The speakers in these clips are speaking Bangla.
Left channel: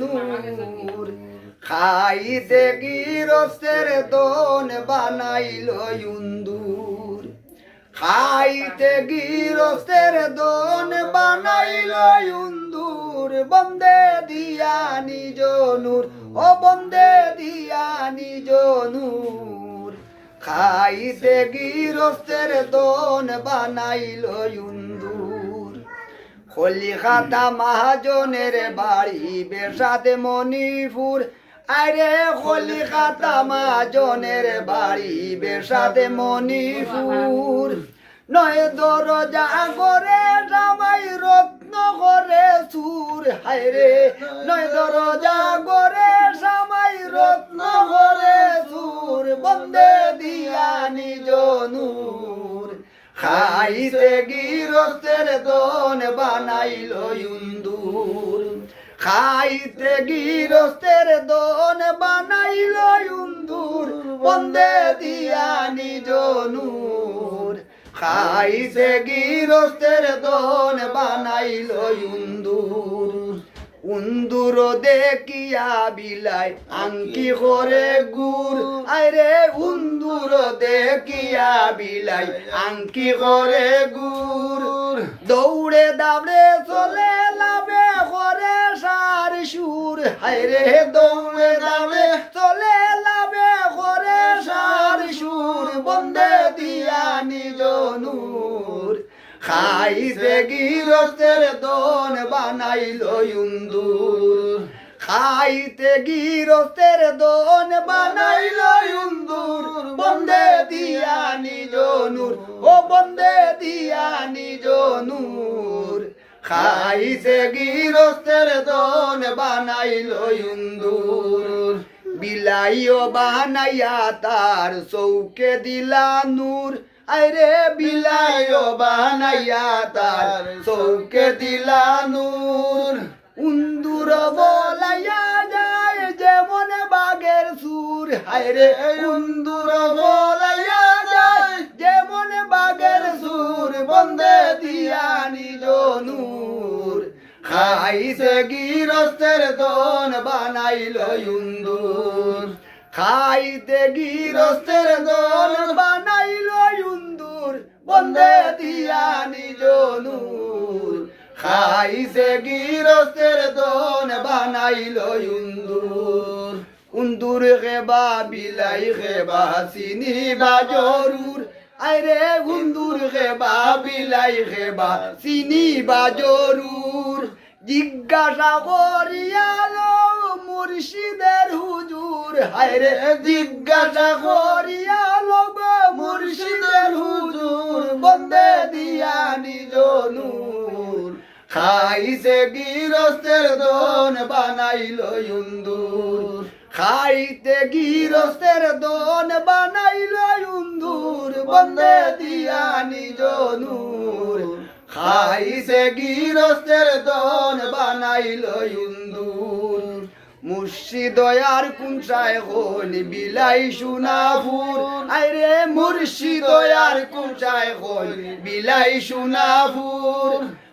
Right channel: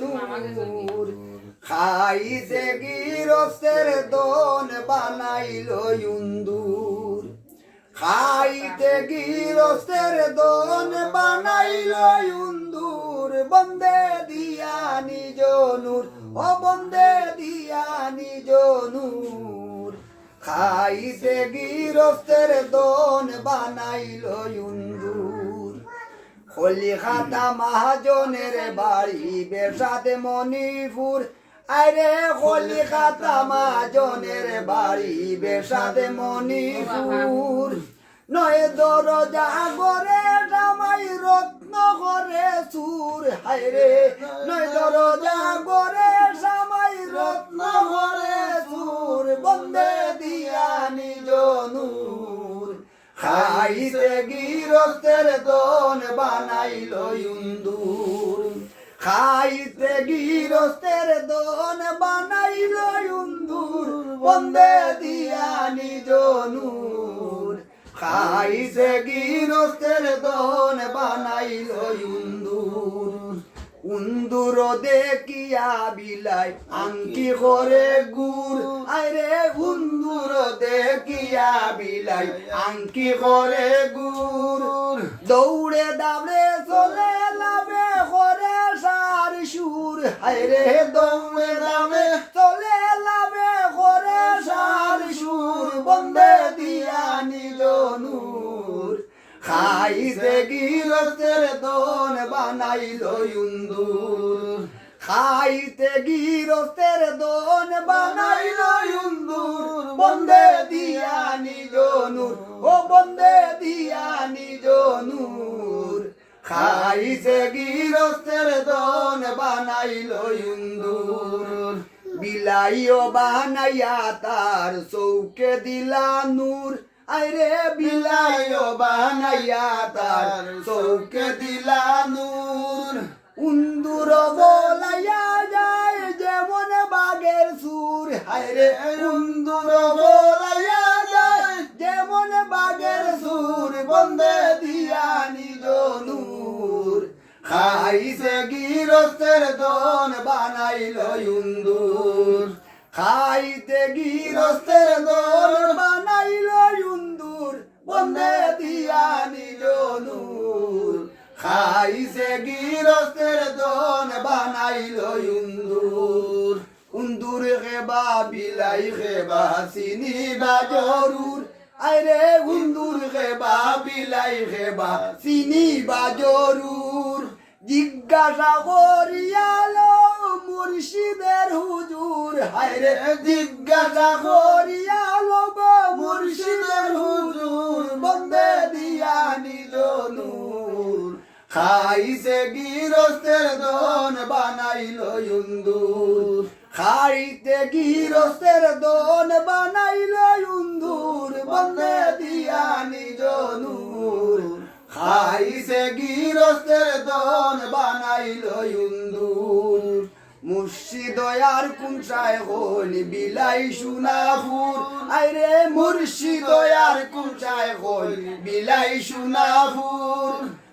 নূর খাইতে গিরস্তের দন বানাইল ইন্দুর খাইতে গিরস্তের দন বানাইল ইন্দুর বন্দে দিয়া নিজ নূর ও বন্দে দিয়া নিজ নূর খাইতে গিরস্তের দন বানাইল ইন্দুর কলিকাতা মহাজনের বাড়ি বেসাদে মণিপুর আরে কলিকাতা মহাজনের বাড়ি বেসাদে মণিপুর নয় দরজা করে জামাই রত্ন করে সুর হায়রে নয় দরজা করে জামাই রত্ন করে সুর বন্দে দিয়া নিজ নূর খাইতে গিরস্তের দন বানাইল ইন্দুর খাইতে গিরস্তের দন বানাইল ইন্দুর বন্দে দিয়া নিজ নূর খাইতে গিরস্তের দন বানাইল ইন্দুর উন্দুর দেখিয়া বিলাই আংকি করে গুর আরে উন্দুর দেখিয়া বিলাই আংকি করে গুর দৌড়ে দাবড়ে চলে লাভে করে সার সুর হায়রে দৌড়ে দাবড়ে চলে লাভে করে সার সুর বন্দে দিয়া নিজ নূর খাইতে গিরস্তের দন বানাইল ইন্দুর খাইতে গিরস্তের দন বানাইল ইন্দুর বন্দে দিয়া নিজ নূর ও বন্দে দিয়া নিজ নূর খাইতে গিরস্তের দন বানাইল ইন্দুর বিলাইও বানাইয়া তার চৌকে দিলা নূর আরে বিলাইও বানাইয়া তার চৌকে দিলা নূর উন্দুর বলাইয়া যায় যেমন বাগের সুর হায়রে উন্দুর বলাইয়া যায় যেমন বাগের সুর বন্দে দিয়া নিজ নূর খাইতে গিরস্তের দন বানাইল ইন্দুর খাইতে গিরস্তের দন বানাইল ইন্দুর বন্দে দিয়া নিজ নূর খাইতে গিরস্তের দন বানাইল ইন্দুর উন্দুর খেবা বিলাই খেবা চিনি বা জরুর আরে উন্দুর খেবা বিলাই খেবা চিনি বা জরুর জিজ্ঞাসা করিয়ালো মুর্শিদের হুজুর হায়রে জিজ্ঞাসা করিয়ালো মুর্শিদের হুজুর বন্দে দিয়া নিজ নূর খাইতে গিরস্তের দন বানাইল ইন্দুর খাইতে গিরস্তের দন বানাইল ইন্দুর বন্দে দিয়া নিজ নূর খাইতে গিরস্তের দন বানাইল ইন্দুর মুর্শিদয়ার কুঞ্চায় হল বিলাই সুনাপুর আরে মুর্শিদয়ার কুঞ্চায় হল বিলাই সুনাপুর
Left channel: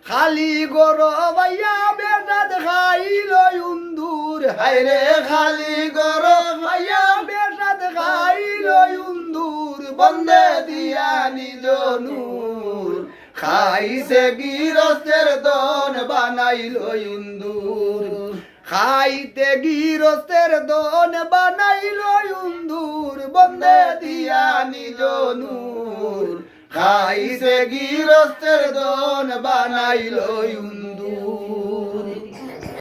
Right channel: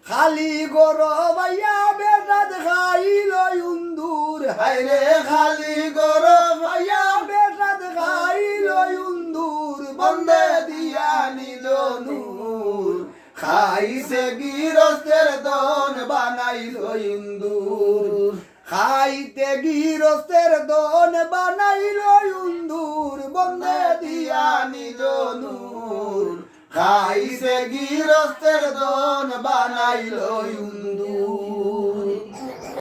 খালি গরবাইয়া বেটাত খাইল ইন্দুর হায়রে খালি গরবাইয়া বেটাত খাইল ইন্দুর বন্দে দিয়া নিজ নূর খাইতে গিরস্তের দন বানাইল ইন্দুর খাইতে গিরস্তের দন বানাইল ইন্দুর বন্দে দিয়া নিজ নূর খাইতে গিরস্তের দন বানাইল ইন্দুর